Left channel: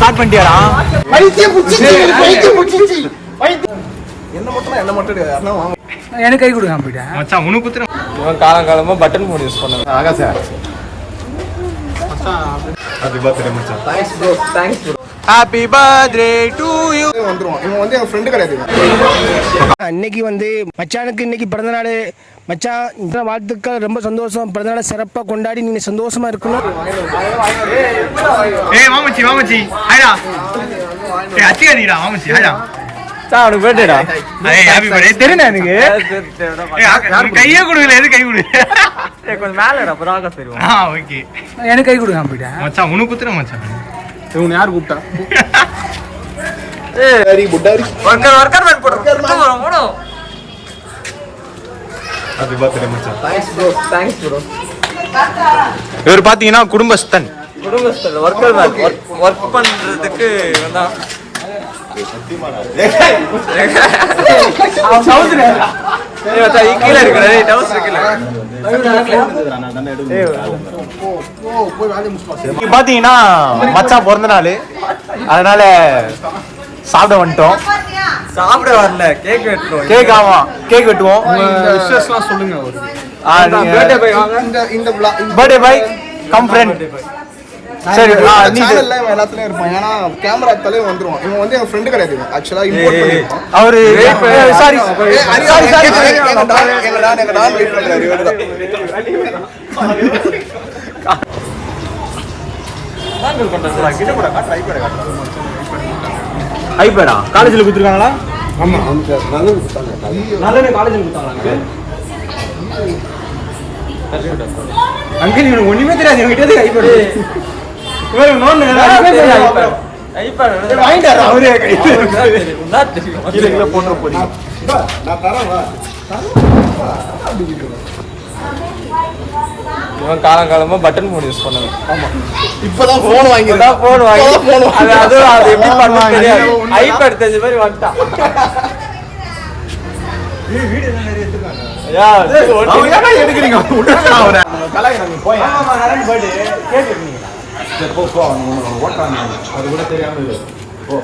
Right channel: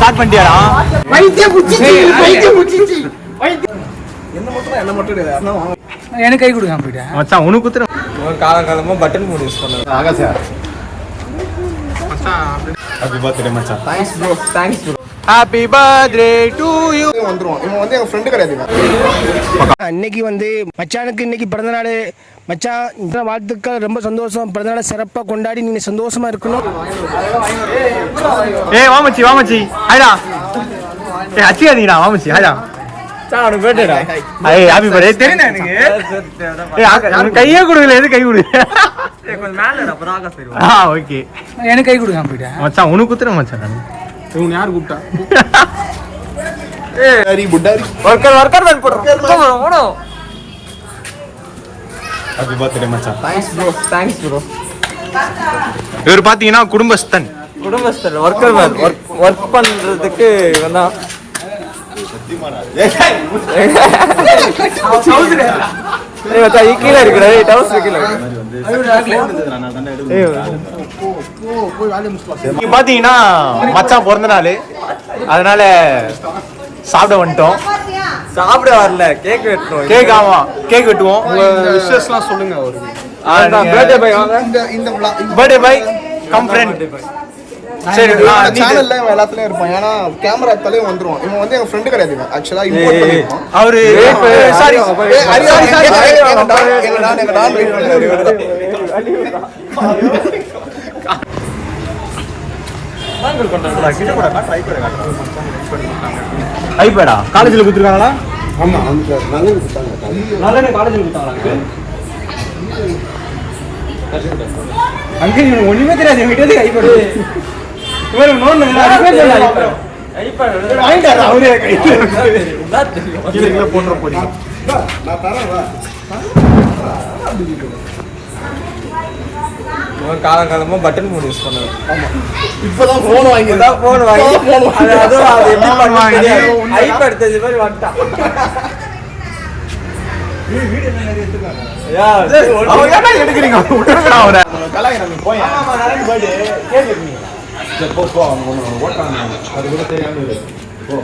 Start பண்ணிட்டியாடா? என்ன மட்டும் எனக்கு கை கொடுங்க போயிட்டேன் மச்சான். உனக்கு குத்துறேன். காலங்காலமா பட்டன் ஃபோன் யூஸ் பண்ணுவேன். ஆகா சார். ஹாப்பி பர்த்டே மச்சான். Thanks bro, thanks bro. Happy birthday to you. வந்துருவான். இவன் வந்து என் ஃப்ரெண்டு கிடையாது. இன்னைக்கு வந்து மச்சானுக்கு இன்னைக்கு பிறந்தநாள். மச்சான் இந்த வாழ்த்துக்கள், ரொம்ப சந்தோஷம். பிறந்தநாளை சிறப்பாக கொண்டாடி நீங்க சந்தோஷமா இருக்கணும். ஏய் வாமச்சி வாமச்சி ஹாய்டா. ஏய் அச்சியாதீடா வாமச்சி ஹாய்டா. அவனுக்கு பேட்டேடா. ஏய் ஹாப்பி பர்த்டே தெரியுமா எனக்கு? ஏய் நான் கையே கொடுக்கல. எது கை கொடு? கொஞ்சம் மேலடா பராக சரி. ஓகே. எனக்கு கை கொடுங்க போயிட்டேன் மச்சான். உனக்கு குத்துறேன் மச்சான். இவன் யார் கூப்பிட்டா? Very good. ஒர்க்கர் வந்து போடுறோம். ஹாப்பி பர்த்டே மச்சான். Thanks bro, thanks bro. இவர் பாத்தீங்கன்னா குடும்பஸ்தன். குடும்பஸ்தர் ஒர்க்கர் ஒர்க் பண்றதுக்கு இவனா கீழே இருக்கிற பாத்தீங்கன்னா மச்சான் பிறந்த நாள், அதனால சாப்பிட வந்துட்டோம். சாப்பிட வரல, கேக் வெட்டுறோம். கேக் ஆமா கேக் வெட்டுவோம். விஷஸ்லாம் சொல்லுங்க. பர்த்டே பாய் வாங்க. இந்த பர்த்டே பாய் கம் ஃப்ரெண்ட். சரி நீ சேனல்ல இவன் எல்லாத்துலயும் இருப்பான். ஏன்னா கேமரா எடுத்தாலே வந்துருவான். இவன் வந்து என் ஃப்ரெண்டு கிடையாது. ஆக்சுவலா இம்போர்ட் பண்ணிருப்பான் அவரு. சாரி எங்க நான் வெயிட் பண்றாரு. இவர்தான் வாங்கல் பண்றாங்க. கிட்ட கூட ஐபேடா காலேஜ்ல குடுத்துருக்காங்களா? ஆமா அவங்க நல்ல கொடுத்தாங்க. நல்ல காலேஜ்ல குடுத்தாங்களா? அங்கிள் இவனுக்கு ஒண்ணுமே தெரியாது. இவன் கிட்ட ஐபேட் இவரு நோன் ஐபேட் வாங்கிட்டாரா? அவரே கையில போடுற போறீங்க. நான் தரேன் வா. இவன் காலங்காலமா பட்டன் ஃபோன் யூஸ் பண்ணுவேன். ஆமா இப்பதான் போன் வாங்கி அது எப்படி பண்ணுவாங்க தெரியாது. ஐபேட் தெரிஞ்ச மாதிரி வந்துட்டான். வீடியோ நிறைய எடுத்துக்காங்க. யா எடுக்கிறீங்க கலாய்கிறாங்க. போய் ஆமா நாளைக்கு பர்த்டே கேக் வெட்டுனீங்க. சரி போ போ. அவங்க ஓட்டாங்க. அது கூட தெரியாம இருக்கு. போ.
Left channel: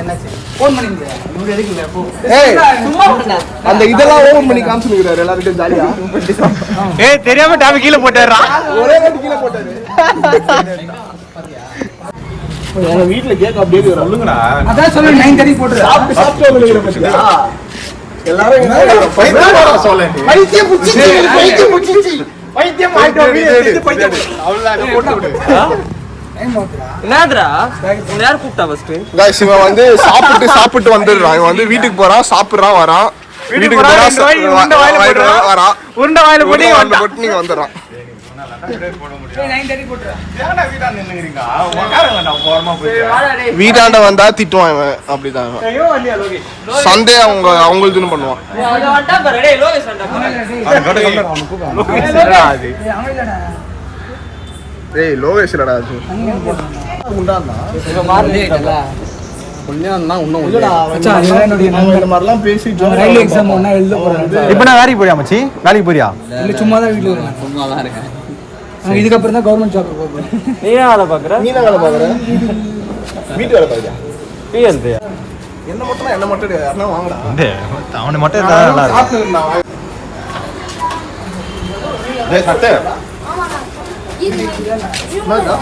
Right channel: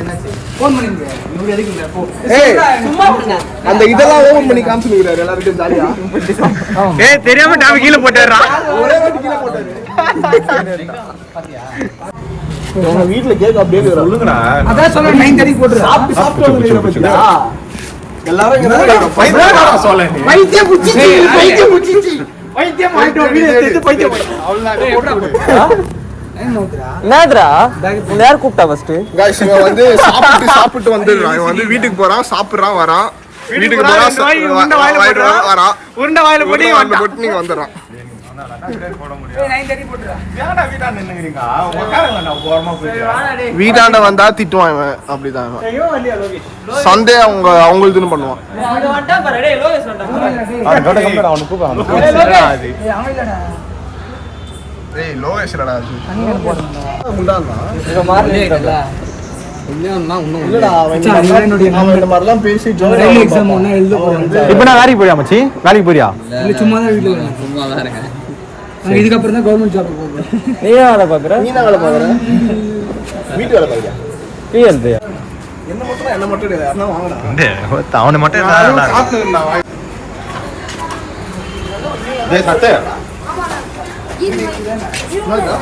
என்னாச்சு? ஃபோன் பண்ணீங்க. இவரு எதுக்கு போ? சும்மா அந்த இதெல்லாம் ஓபன் பண்ணி காமிச்சிருக்காரு எல்லாரும் ஜாலியா. ஏய் தெரியாம டாபி கீழ போட்டாரா? ஒரே வாட்டி கீழ போட்டாரு. உங்க வீட்ல கேக் அப்படியே சொல்லுங்கடா. அதான் சொல்ல 9:30 போட்டுரு. சாப்பிட்டு வெளியில போச்சுடா. எல்லாரும் இங்க பைத்தியம் சொல்ல நீ. பைத்தியம் புடிச்சிச்சு. பைத்தியம் ஆயிட்டோம். வீடியோ எடுத்து பைத்தியம். அவ்வளவுதான். என்னடா உன்னை யார் கூப்பிட்டா ஃபர்ஸ்ட்? गाइस இவன் வந்து சாப்பிட்டு வந்துடுறான். இவன் வந்து வீட்டுக்கு போறான், சாப்பிடுறான், வரான். வீட்டுக்கு போறான், வாயிட்டு வரான். உருண்டை வாயில உருண்டை போட்டு நீங்க வந்துடுறான். 9:30 போட்டுரு. ஏன்டா வீட்டா நின்னுங்கறீங்க? உட்காருங்க நான் ஓரமா போயிட்டு. வீட்டாண்ட வந்தா திட்டுவான் இவன். அப்படிதான் சண்டே அவங்களுதுன்னு பண்ணுவான். அது கட்ட கம்பெனி அவனுக்கு கூப்பிடுறான். ஏய் அவங்கடா. ஏய் லோவேஷ் இல்லடா அது. முண்டானா புண்ணியம்னா இன்னும் இல்லடா மச்சான் நீ என்னோட இந்த மாதிரிலாம் பேசி ரயில்வே எக்ஸாம் ஒண்ணா எழுத போறேன். இப்போ நான் வேலைக்கு போறியா மச்சி? வேலைக்கு போறியா? இல்ல சும்மா தான் வீட்ல இருக்கேன். சும்மா தான் இருக்கேன். நான் இதுக்கு அப்புறம் தான் கவர்மெண்ட் ஜாப் போறேன். நீ ஏன் வேலை பாக்குற? நீ என்ன வேலை பாக்குற? வீட்டு வேலை பாக்குறியா? பிஎல்து என்ன மட்டும் கிடையாது. யாரனா வாங்கடா. அவனை மட்டும் நல்லா இருக்கு. டேய் சட்டை. என்னடா?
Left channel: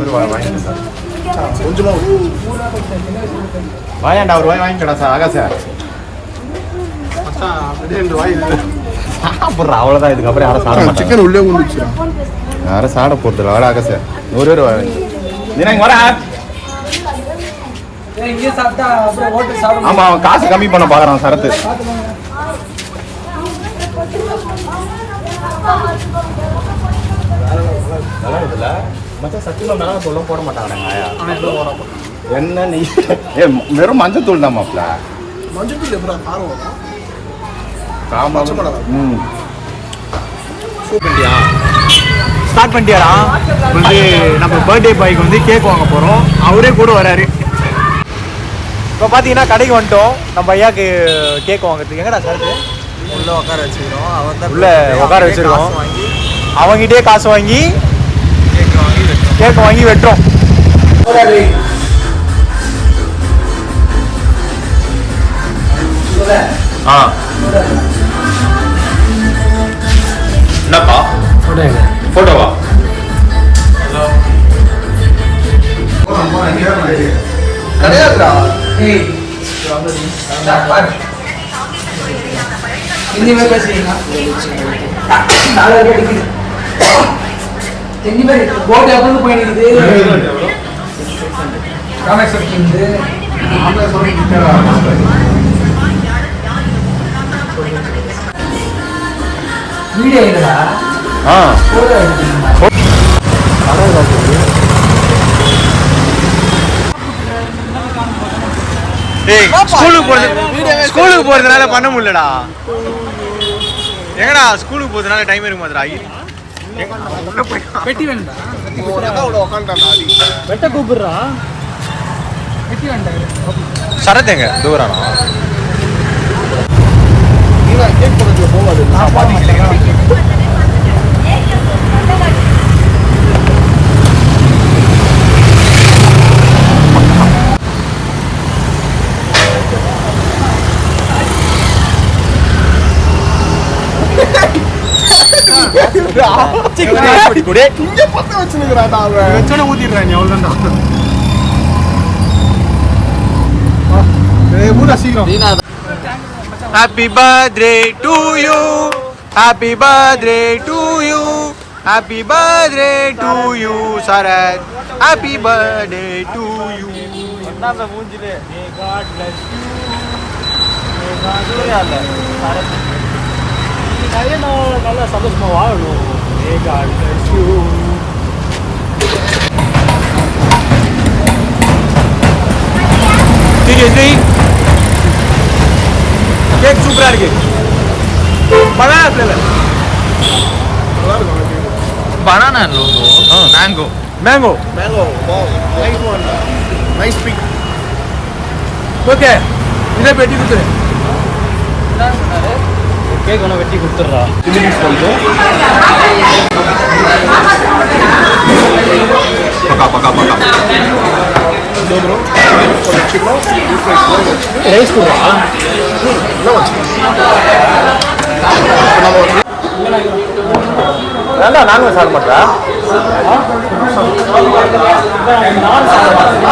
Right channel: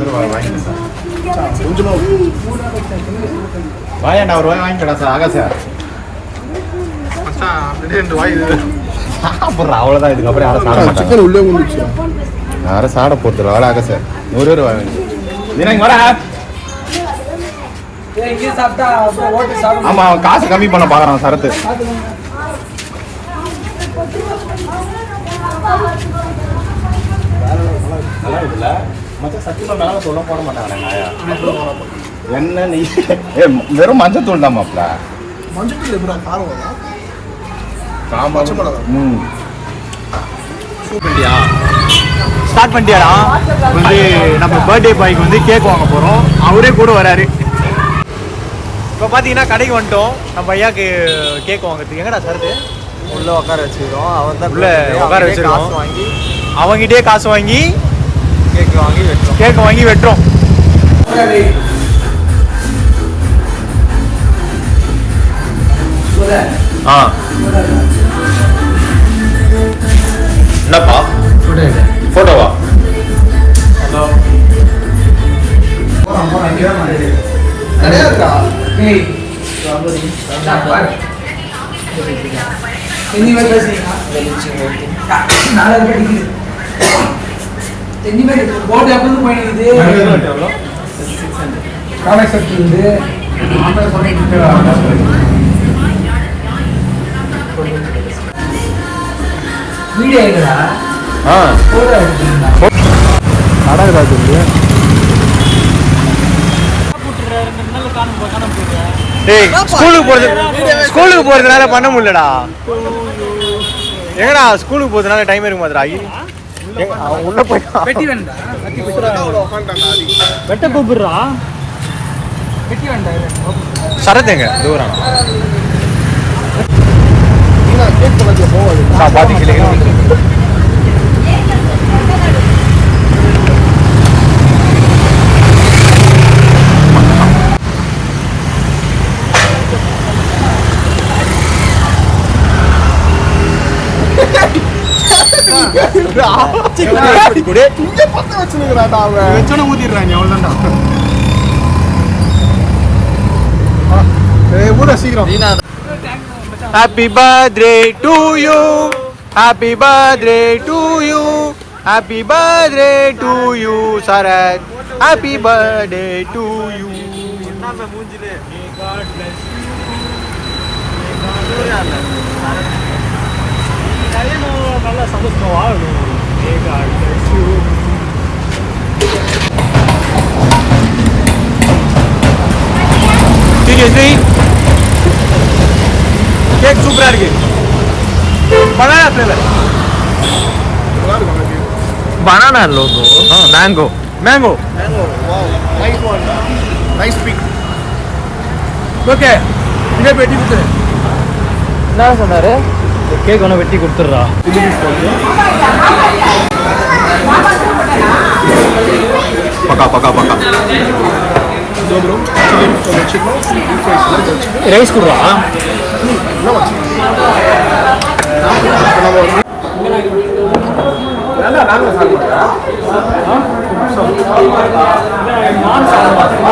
ஒரு வாங்கி சார். கொஞ்சமா வாயாண்டா ஒரு வாங்கிக்கடா சார். ஆகா சார். மச்சான் அப்படியே 2 வாய். சாப்பிட்றா அவ்வளோதான். இதுக்கப்புறம் யாரும் சாப்பிட மாட்டாங்க. சிக்கன் உள்ளே வந்துச்சு. யாரும் சாப்பிட போகிறது இல்லை. ஆகா சார். ஒரு வாங்கி நீ இங்கே வர. ஏய் இங்க சாப்பிட்டா அப்புறம் ஓட்டு சாப்பிட. ஆமாம் அவன் காசு கம்மி பண்ண பார்க்குறான் சரத்து. நல்லா இருக்குல்ல மச்சான்? சத்தியமாக மேலே தூளும் போட மாட்டாங்க ஆயா. என்ன நீ வெறும் மஞ்சள் தூள் தான் மாப்பிள்ள. மஞ்சள் தூள் எப்படா காரம் வரும்? காமால ஸ்டார்ட் பண்ணிட்டியாடா? வந்து நம்ம பர்த்டே பாய்க்கு வந்து கேக் வாங்க போறோம். அவரே கூட வராரு. இப்போ பார்த்தீங்கன்னா கடைக்கு வந்துட்டோம். நம்ம ஐயாக்கு கேக் வாங்குறதுக்கு. எங்கடா சரத்து? உள்ள உட்கார வச்சிருக்கோம். அவன் தான் உள்ள உட்கார வச்சிருக்கோம். அவங்கிட்டே காசு வாங்கி கேக் வாங்கி வெட்டுறோம். என்னப்பா போட்டோவா? கிடையாதுடா. டேய் ஸ்கூலுக்கு போறதுனால பண்ண முடியலடா. எங்கடா ஸ்கூலுக்கு போறதுனால டைம் இருக்க மாட்டேடா. உள்ள போய் சரத் எங்க தூரானா? கேக் பக்கத்துல போவாது. இங்க பத்த வச்சுனுங்கறாடா அவன். வெச்சன ஊதிடுறான். எவ்வளவுதான்டா? ஊதா சீக்கிரம். Happy birthday to you. Happy birthday to you. Happy birthday to you, Sarath. Happy birthday to you. Seriously? Cake சூப்பரா இருக்கு. Banana flavour. பனானா லோகோ mango mango. Mango. Wow. Nice one. Nice pick. Okay, இதை வெட்டி கொடுத்துரு. என்ன சொன்னாரு? Cake ஒன்று வெட்டி கொடுத்துட்றா. பக்கா பக்கா பக்கா ரைஸ் கொடுவா. நல்லா நானும் சாப்பிட மாட்டேன். நான் சாப்பிட மாட்டேன்.